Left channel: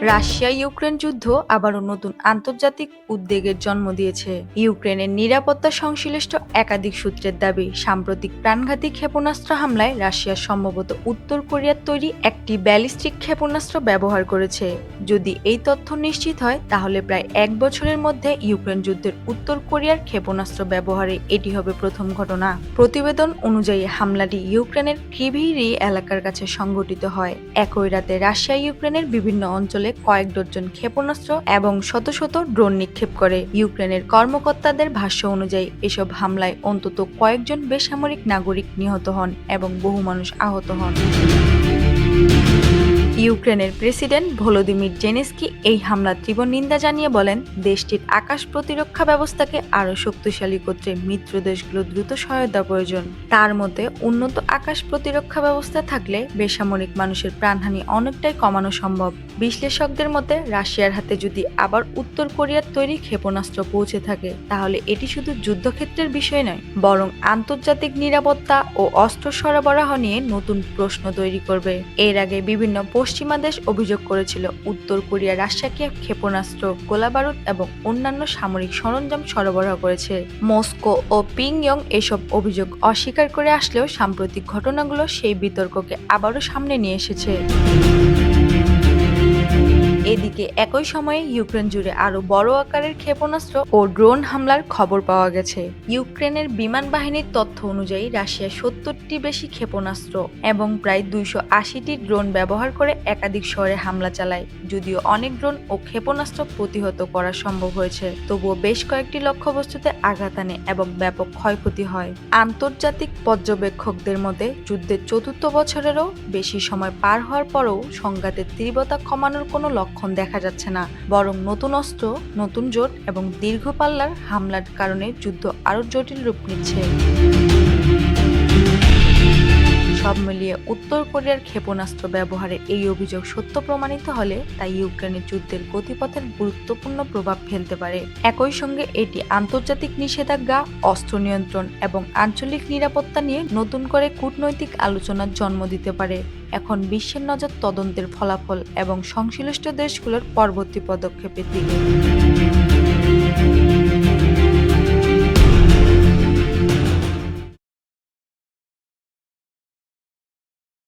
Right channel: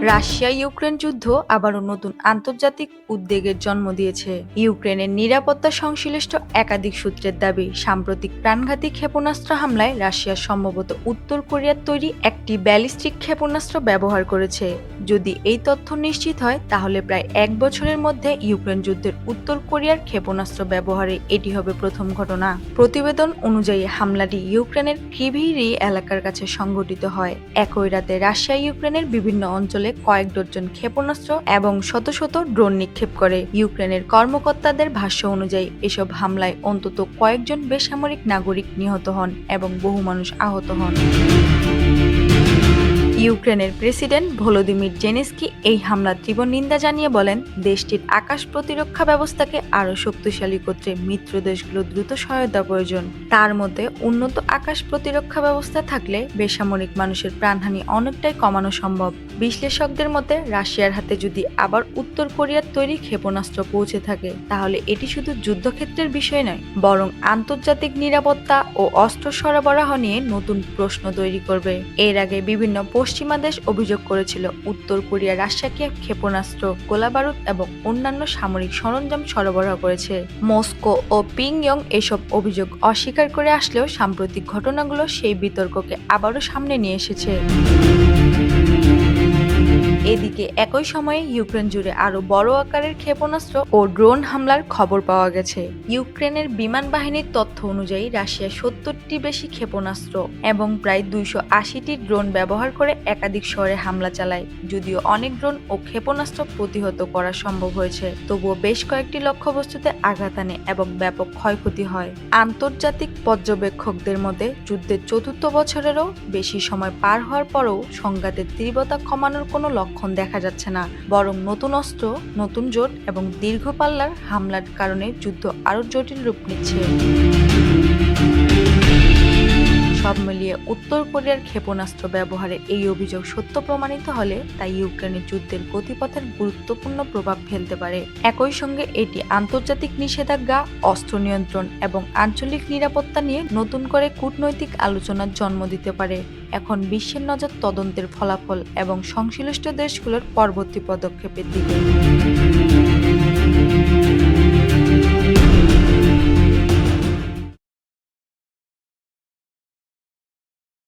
Russia Ukraine যুদ্ধ আবারও নতুন আন্তর্জাতিক উদ্বেগের জন্ম দিয়েছে। ইউক্রেনের নিরাপত্তা সংশ্লিষ্ট একাধিক সূত্রের দাবি, সাম্প্রতিক প্রাণঘাতী ক্ষেপণাস্ত্র হামলায় রাশিয়া সম্ভবত উত্তর কোরিয়ার তৈরি একটি ব্যালিস্টিক ক্ষেপণাস্ত্র ব্যবহার করেছে। যদি এই তথ্য নিশ্চিত হয়, তাহলে প্রায় এক বছরের মধ্যে ইউক্রেন যুদ্ধের উত্তর কোরিয়ার ক্ষেপণাস্ত্র ব্যবহারে এটি হবে প্রথম ঘটনা। প্রতিবেদন অনুযায়ী হামলাটি ইউক্রেনের ক্রিভিরি এলাকার কাছে সংঘটিত হয়। একই রাতে রাশিয়া ইউক্রেনের বিভিন্ন অঞ্চলে কয়েক ডজন ক্ষেপণাস্ত্র এবং শত শত ড্রোন নিক্ষেপ করে। ইউক্রেনের কর্মকর্তাদের ভাষ্য অনুযায়ী এসব হামলায় অন্তত কয়েকজন বেসামরিক নাগরিক নিহত হন এবং বহু মানুষ আহত হন। ইউক্রেনের প্রেসিডেন্ট ভলোদিমির জেলেনস্কি এই হামলার তীব্র নিন্দা জানিয়ে বলেন, দেশটির আকাশ প্রতিরক্ষা ব্যবস্থাকে আরও শক্তিশালী করতে মিত্র দেশগুলোর দ্রুত সহায়তা প্রয়োজন। তার মতে, উন্নত আকাশ প্রতিরক্ষা ব্যবস্থা থাকলে বেসামরিক মানুষের প্রাণহানি অনেকটাই কমানো সম্ভব। বিশ্লেষকদের মতে, রাশিয়ার হাতে যদি আবার উত্তর কোরিয়ার তৈরি ক্ষেপণাস্ত্র পৌঁছে থাকে, তাহলে এটি শুধু যুদ্ধক্ষেত্রের বিষয় নয়, বরং আন্তর্জাতিক নিরাপত্তা ও অস্ত্র সরবরাহ নিয়ে নতুন প্রশ্ন তৈরি করবে। এর আগে বিভিন্ন পশ্চিমা দেশ অভিযোগ করেছিল, উত্তর কোরিয়া রাশিয়াকে ক্ষেপণাস্ত্র, গোলাবারুদ এবং অন্যান্য সামরিক সরঞ্জাম সরবরাহ করেছে। মস্কো ও পিংইয়ং এসব অভিযোগ অস্বীকার করে আসলেও সাম্প্রতিক ঘটনাগুলো সেই বিতর্ককে আবারও সামনে নিয়ে এসেছে। এদিকে একই সময়ে ইউক্রেন জুড়ে আরও বড় আকারের ক্ষেপণাস্ত্র ও ড্রোন হামলার খবর পাওয়া গেছে। ইউক্রেনের বিমান বাহিনীর তথ্য অনুযায়ী রাশিয়া ৭০টি বেশি ক্ষেপণাস্ত্র এবং প্রায় ২৮০টি ড্রোন ব্যবহার করে একাধিক শহরে হামলা চালায়। যদিও অনেক ড্রোন ও ক্ষেপণাস্ত্র প্রতিহত করা সম্ভব হয়েছে, তবুও বেশ কয়েকটি লক্ষ্যবস্তুতে আঘাত আনে এবং ব্যাপক ক্ষয়ক্ষতি হয়। আন্তর্জাতিক পর্যবেক্ষকদের মতে, যুদ্ধের চতুর্থ বছরেরও বেশি সময় পার হওয়ার পরও সংঘাতের তীব্রতা কমানোর কোনো লক্ষণ দেখা যাচ্ছে না, বরং নতুন অস্ত্র, নতুন জোট এবং দীর্ঘ পাল্লার হামলার কারণে যুদ্ধ আরও জটিল রূপ নিচ্ছে। সব মিলিয়ে উত্তর কোরিয়ার ক্ষেপণাস্ত্র ব্যবহারের এই অভিযোগ সত্য প্রমাণিত হলে তা ইউক্রেনের যুদ্ধের গতিপথের গুরুত্বপূর্ণ প্রভাব ফেলতে পারে। একই সঙ্গে এটি আন্তর্জাতিক নিষেধাজ্ঞা, অস্ত্র নিয়ন্ত্রণ এবং আঞ্চলিক নিরাপত্তা নিয়ে নতুন করে কূটনৈতিক আলোচনার জন্ম দিতে পারে। এখন বিশ্বের নজর তদন্তের ফলাফল এবং সংশ্লিষ্ট দেশগুলোর পরবর্তী পদক্ষেপের দিকে।